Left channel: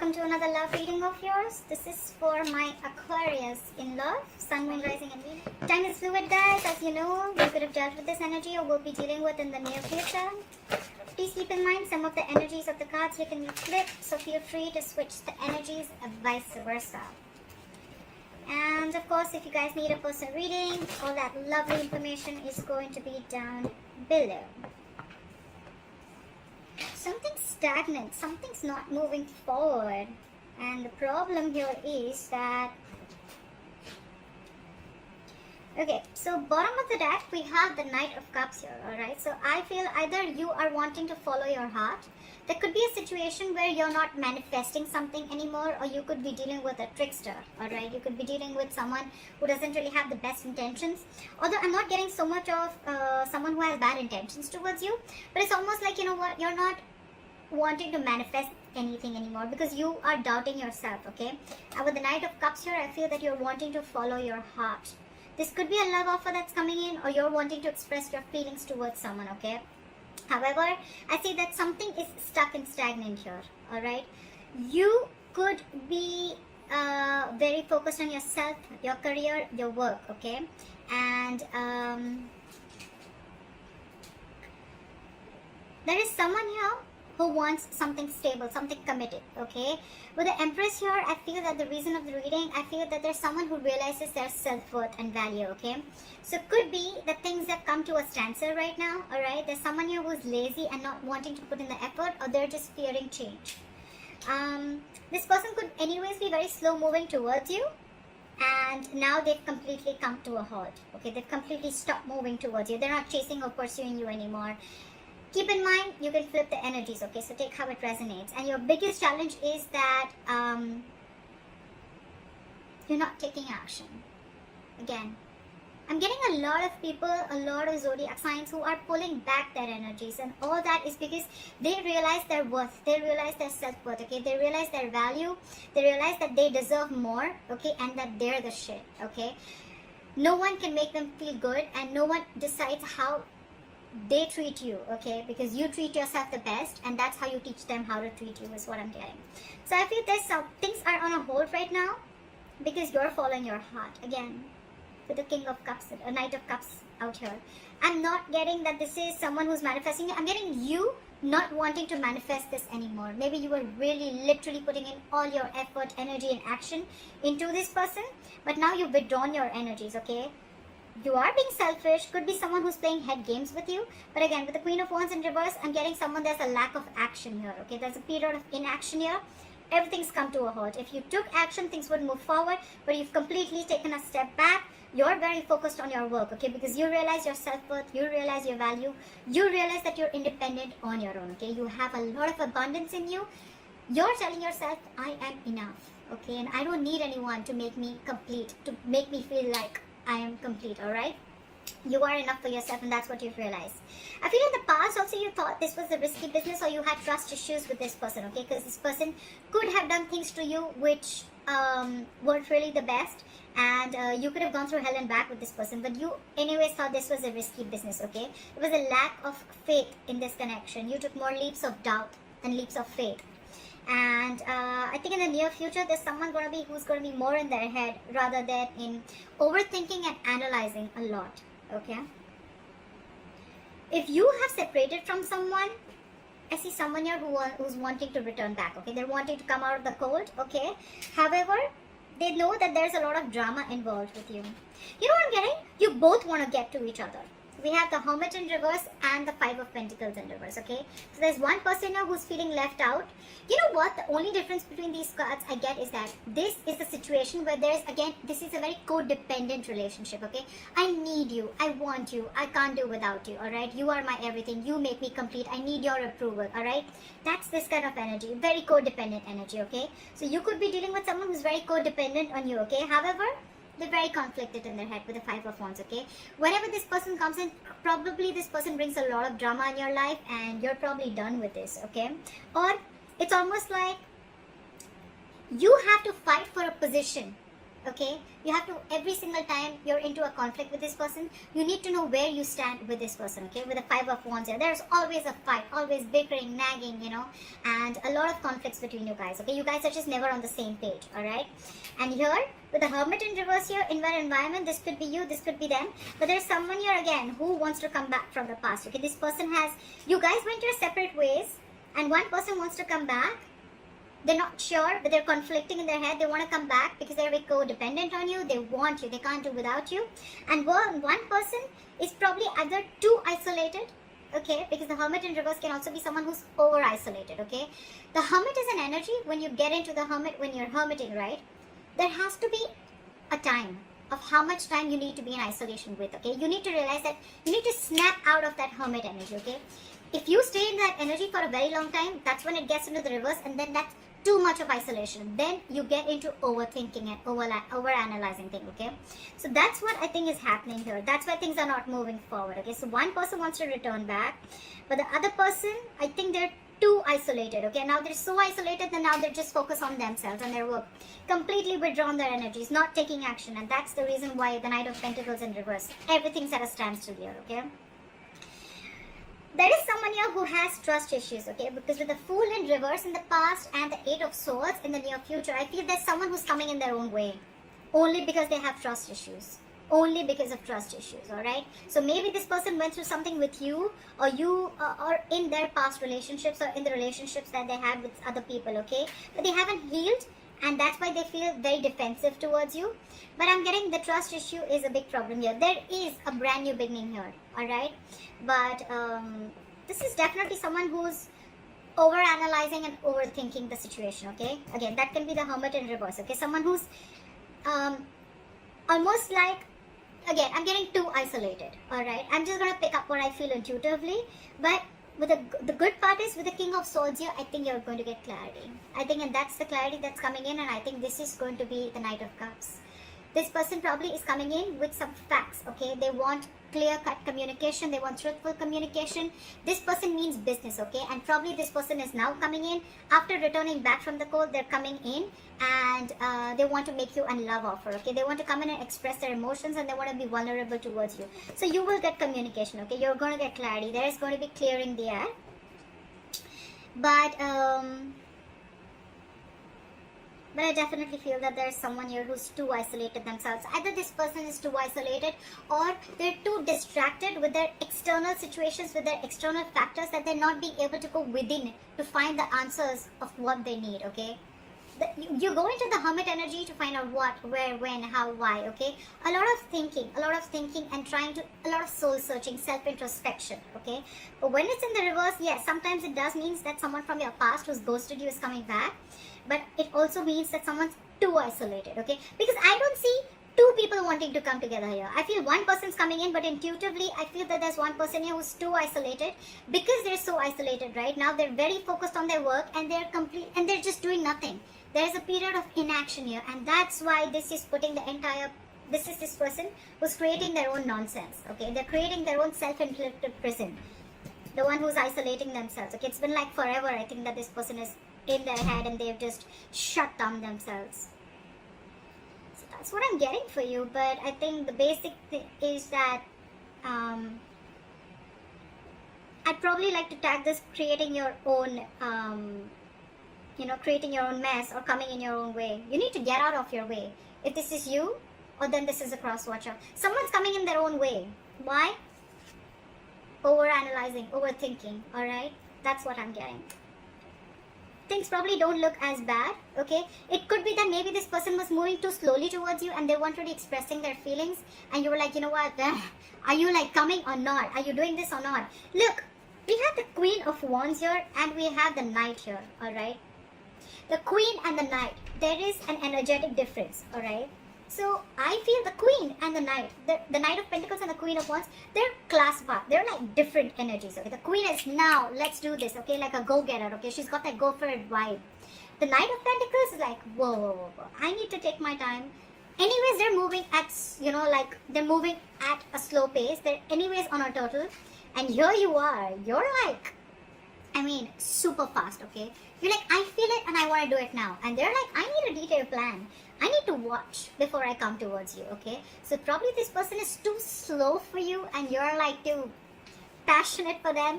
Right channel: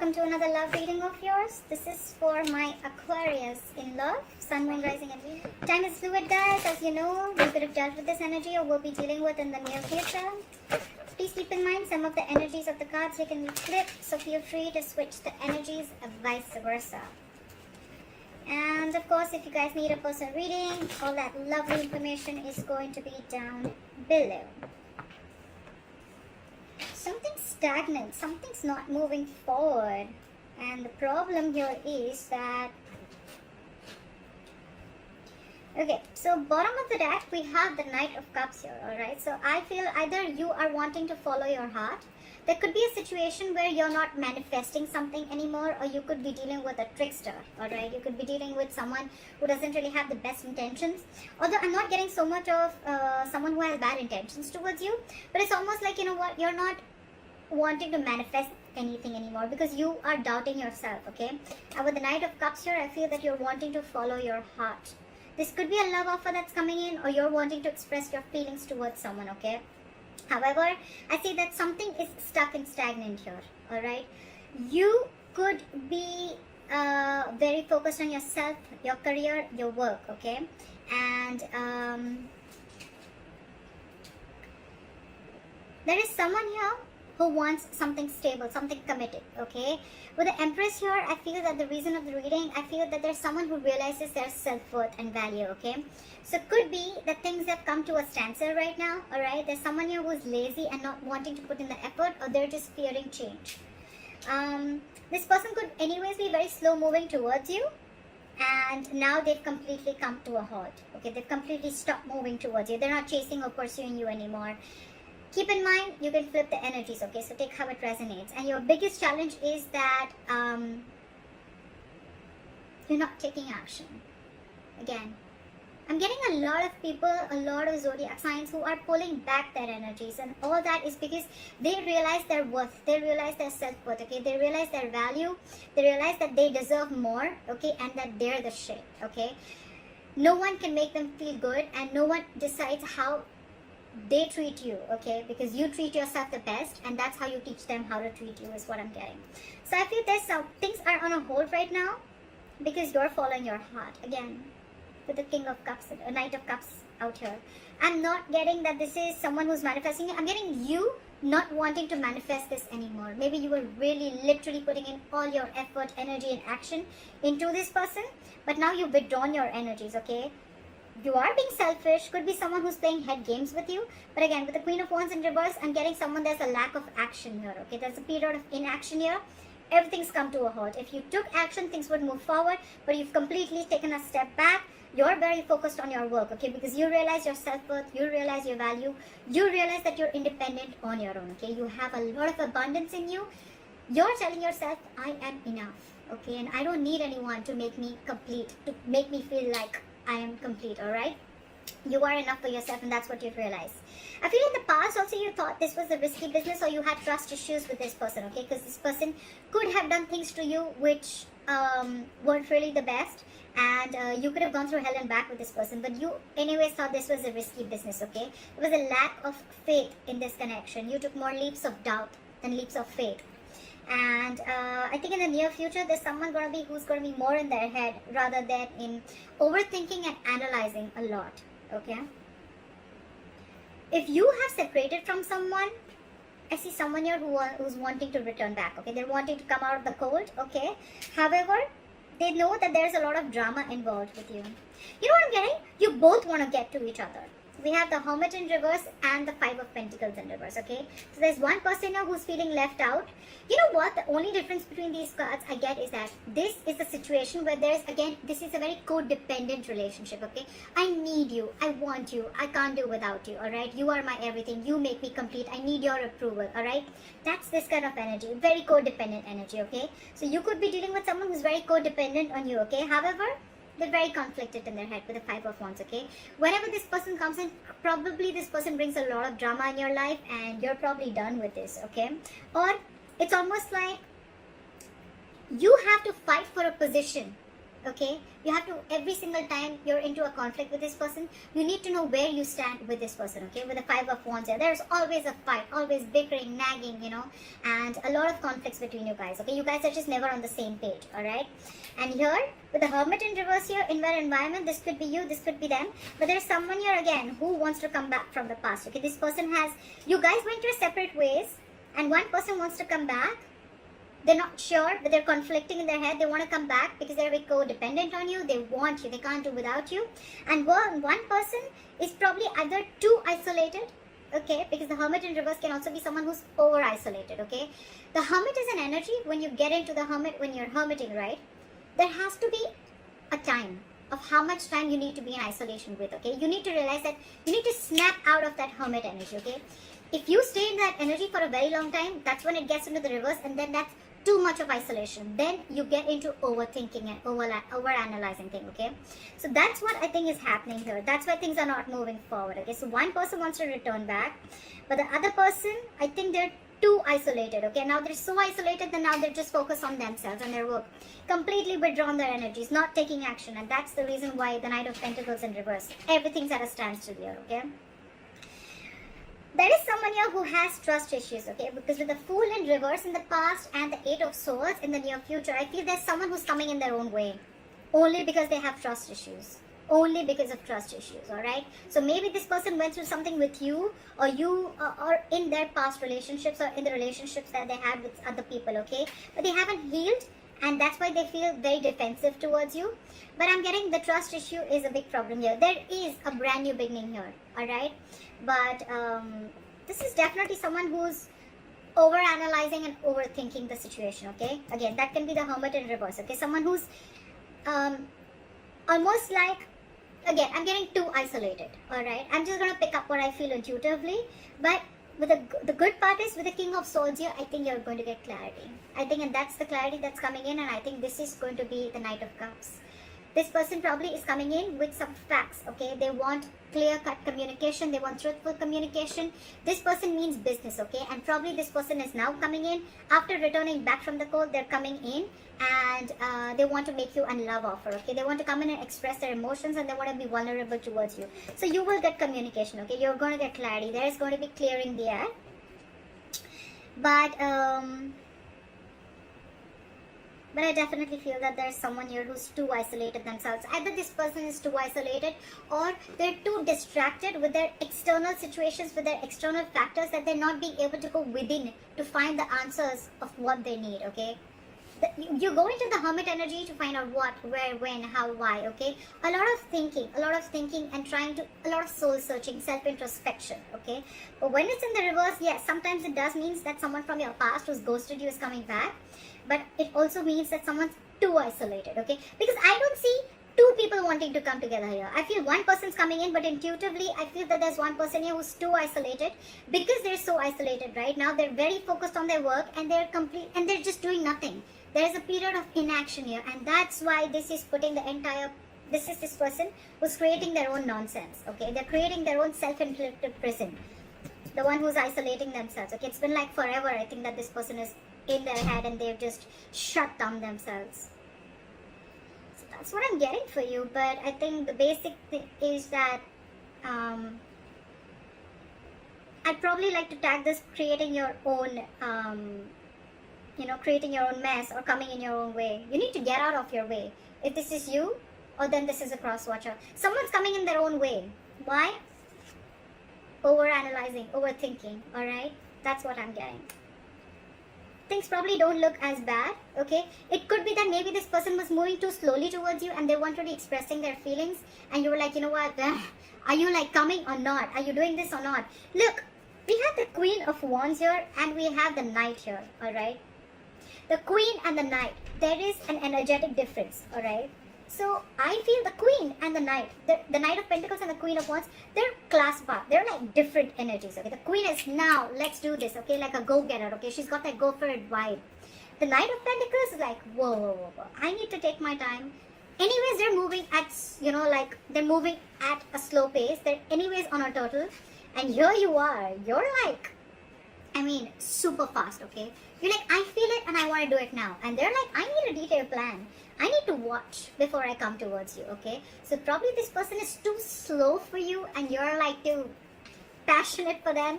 welcome to another love reading of yours. This is for my Aquarius in love, sun, moon, rising, and time is fluid, guys. As you know, you could have dealt with this energy or will be dealing with in the near future. Please keep in mind some of the energies of the cards you can be flipped, so feel free to switch the energies and vice versa. And of course, if you guys need a personal reading, all that lovely information is going to be down below. Something's stagnant, something's not moving forward, and the problem here is that, okay, so bottom of the deck we have the Knight of Cups here. Alright, so I feel either you are wanting to follow your heart. There could be a situation where you're not manifesting something anymore, or you could be dealing with a trickster. Alright, you could be dealing with someone who doesn't really have the best intentions. Although I'm not getting so much of someone who has bad intentions towards you, but it's almost like, you know what, you're not wanting to manifest anything anymore because you are doubting yourself. Okay, and with the Knight of Cups here, I feel that you're wanting to follow your heart. This could be a love offer that's coming in, or you're wanting to express your feelings towards someone. Okay, however, I see that something is stuck and stagnant here. Alright, you could be very focused on yourself, your career, your work. Okay, and there is someone here who wants something stable, something committed. Okay, with the Empress here, I feel that the reason of the reading, I feel that there's someone who realizes their self-worth and value. Okay, so it could be that things have come to a standstill right now. Alright, there's someone here who's lazy and not wanting to put in the effort, or they're just fearing change. This person could anyways be very slow moving towards you, and now they've completely come to a halt. Okay, they've completely stopped moving towards you. They're not chasing or pursuing you anymore. Keep in mind, you can flip the energies, okay? So take how it resonates. And your biggest challenge is that you're not taking action. Again, I'm getting a lot of people, a lot of zodiac signs who are pulling back their energies. And all that is because they realize their worth. They realize their self-worth, okay? They realize their value. They realize that they deserve more, okay? And that they're the shit, okay? No one can make them feel good, and no one decides how they treat you, okay? Because you treat yourself the best, and that's how you teach them how to treat you, is what I'm getting. So I feel there's some things are on a hold right now because you're following your heart. Again, with the King of Cups, a Knight of Cups out here. I'm not getting that this is someone who's manifesting. I'm getting you not wanting to manifest this anymore. Maybe you were really literally putting in all your effort, energy, and action into this person, but now you've withdrawn your energies, okay? You are being selfish. Could be someone who's playing head games with you. But again, with the Queen of Wands in reverse, I'm getting someone, there's a lack of action here. Okay, there's a period of inaction here. Everything's come to a halt. If you took action, things would move forward. But you've completely taken a step back. You're very focused on your work, okay? Because you realize your self-worth, you realize your value, you realize that you're independent on your own, okay? You have a lot of abundance in you. You're telling yourself, I am enough, okay? And I don't need anyone to make me complete, to make me feel like I am complete. Alright, you are enough for yourself, and that's what you've realized. I feel in the past also you thought this was a risky business, or you had trust issues with this person, okay? Because this person could have done things to you which weren't really the best, and you could have gone through hell and back with this person, but you anyways thought this was a risky business, okay? It was a lack of faith in this connection. You took more leaps of doubt than leaps of faith. And I think in the near future, there's someone who's going to be more in their head rather than in overthinking and analyzing a lot, okay? If you have separated from someone, I see someone here who's wanting to return back, okay? They're wanting to come out of the cold, okay? However, they know that there's a lot of drama involved with you. You know what I'm getting? You both want to get to each other. We have the Hermit in reverse and the Five of Pentacles in reverse, okay? So there's one person here who's feeling left out. You know what? The only difference between these cards I get is that this is a situation where there's, again, this is a very codependent relationship, okay? I need you. I want you. I can't do without you, alright? You are my everything. You make me complete. I need your approval, alright? That's this kind of energy. Very codependent energy, okay? So you could be dealing with someone who's very codependent on you, okay? However, they're very conflicted in their head with the Five of Wands, okay? Whenever this person comes in, probably this person brings a lot of drama in your life, and you're probably done with this, okay? Or it's almost like you have to fight for a position Okay, you have to, every single time you're into a conflict with this person, you need to know where you stand with this person. Okay, with the 5 of Wands here, there's always a fight, always bickering, nagging, you know, and a lot of conflicts between you guys. Okay, you guys are just never on the same page. All right, and here with the Hermit in reverse here in my environment, this could be you, this could be them, but there's someone here again who wants to come back from the past. Okay, this person has, you guys went your separate ways, and one person wants to come back. They're not sure, but they're conflicting in their head. They want to come back because they're very codependent on you. They want you. They can't do without you. And one person is probably either too isolated, okay, because the Hermit in reverse can also be someone who's over-isolated, okay. The Hermit is an energy. When you get into the Hermit, when you're hermiting, right, there has to be a time of how much time you need to be in isolation with, okay. You need to realize that you need to snap out of that Hermit energy, okay. If you stay in that energy for a very long time, that's when it gets into the reverse, and then that's too much of isolation. Then you get into overthinking and over-analyzing things, okay. So that's what I think is happening here. That's why things are not moving forward, okay. So one person wants to return back, but the other person, I think they're too isolated, okay. Now they're so isolated that now they're just focused on themselves and their work, completely withdrawn their energies, not taking action, and that's the reason why the Knight of Pentacles in reverse, everything's at a standstill here, okay. There is someone here who has trust issues, okay, because with the Fool in reverse in the past and the 8 of Swords in the near future, I feel there's someone who's coming in their own way, only because they have trust issues, only because of trust issues, alright. So maybe this person went through something with you, or you or in their past relationships, or in the relationships that they had with other people, okay, but they haven't healed, and that's why they feel very defensive towards you. But I'm getting the trust issue is a big problem here. There is a brand new beginning here, alright. But this is definitely someone who's over-analyzing and overthinking the situation, okay. Again, that can be the Hermit in reverse, okay. Someone who's almost like, again, I'm getting too isolated, alright. I'm just going to pick up what I feel intuitively. But with the good part is with the King of Swords here, I think you're going to get clarity. I think, and that's the clarity that's coming in, and I think this is going to be the Knight of Cups. This person probably is coming in with some facts, okay. They want clear-cut communication, they want truthful communication. This person means business, okay, and probably this person is now coming in after returning back from the cold. They're coming in and they want to make you a love offer, okay. They want to come in and express their emotions, and they want to be vulnerable towards you. So you will get communication, okay. You're going to get clarity. There is going to be clearing the air. But I definitely feel that there's someone here who's too isolated themselves. Either this person is too isolated, or they're too distracted with their external situations, with their external factors, that they're not being able to go within to find the answers of what they need, okay. You go into the Hermit energy to find out what, where, when, how, why, okay. A lot of thinking and trying to, a lot of soul searching, self-introspection, okay. But when it's in the reverse, yes, sometimes it does mean that someone from your past who's ghosted you is coming back. But it also means that someone's too isolated, okay? Because I don't see two people wanting to come together here. I feel one person's coming in, but intuitively, I feel that there's one person here who's too isolated. Because they're so isolated right now, they're very focused on their work, and they're just doing nothing. There's a period of inaction here, and that's why this is putting the entire, this is this person who's creating their own nonsense, okay? They're creating their own self-inflicted prison. The one who's isolating themselves, okay? It's been like forever, I think, that this person is in their head and they've just shut down themselves. So that's what I'm getting for you. But I think the basic thing is that I'd probably like to tag this creating your own creating your own mess, or coming in your own way. You need to get out of your way. If this is you, or then this is a cross watcher. Someone's coming in their own way. Why? Over-analyzing, overthinking, alright? That's what I'm getting. Things probably don't look as bad, okay? It could be that maybe this person was moving too slowly towards you, and they weren't really expressing their feelings, and you were like, you know what, are you like coming or not? Are you doing this or not? Look, we have the Queen of Wands here, and we have the Knight here, alright? The Queen and the Knight, there is an energetic difference, alright? So I feel the Queen and the Knight, the Knight of Pentacles and the Queen of Wands, they're class apart. They're like different energies, okay? The Queen is now, let's do this, okay? Like a go-getter, okay? She's got that go for it vibe. The Knight of Pentacles is like, whoa. I need to take my time. Anyways, they're moving at, they're moving at a slow pace. They're anyways on a turtle. And here you are. You're like, super fast, okay? You're like, I feel it and I want to do it now. And they're like, I need a detailed plan. I need to watch before I come towards you, okay? So probably this person is too slow for you and you're like too passionate for them.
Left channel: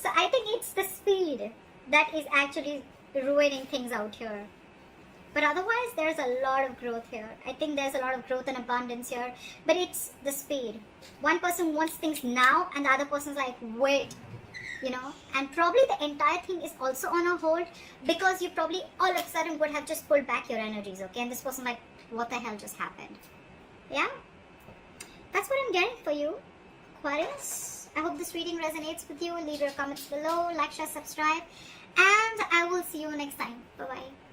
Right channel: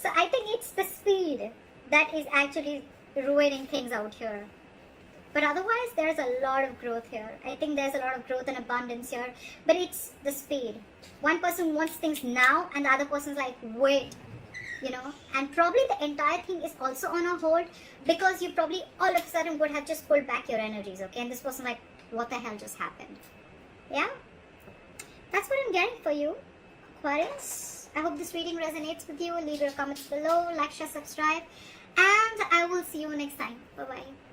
So I think it's the speed that is actually ruining things out here. But otherwise, there's a lot of growth here. I think there's a lot of growth and abundance here. But it's the speed. One person wants things now and the other person's like, wait. You know, and probably the entire thing is also on a hold because you probably all of a sudden would have just pulled back your energies, okay? And this person like, what the hell just happened? Yeah? That's what I'm getting for you, Aquarius. I hope this reading resonates with you. Leave your comments below, like, share, subscribe. And I will see you next time. Bye-bye.